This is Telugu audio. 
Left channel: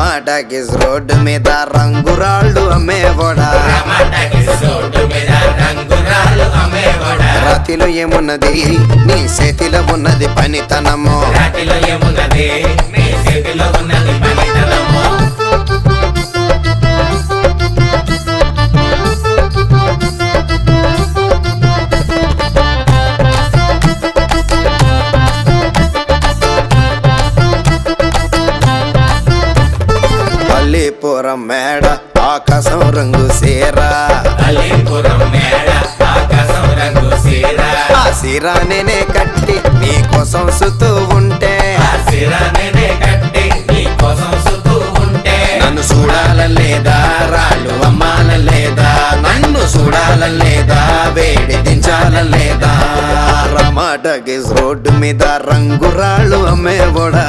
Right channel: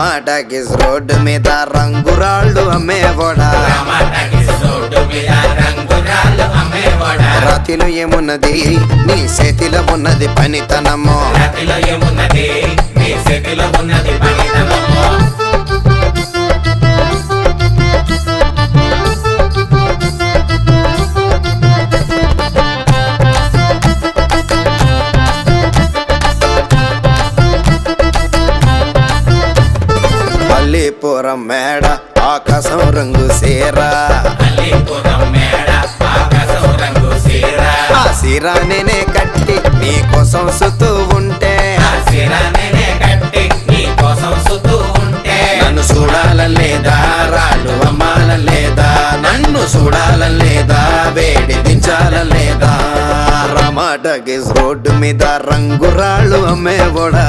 రమాటకిస్ రోడ్డు మీద రంగురాళ్ళు అమ్మేవోడా. రాతిలో ఏమున్నది నీ చేతిలో ఉన్నది పనితనము. అల్లీపురం మేడ ఆకాశం రంగు సీరా. ఆ సీరా నేనే కట్టి నీ కోసం సుతూ ఉంటే నన్ను చూడాలలేదా రాళ్ళు అమ్మాలలేదా, నన్ను చూడాలలేదా వేడి దించాలలేదా. రమాటకిస్ రోడ్డు మీద రంగురాళ్ళు అమ్మేవోడా.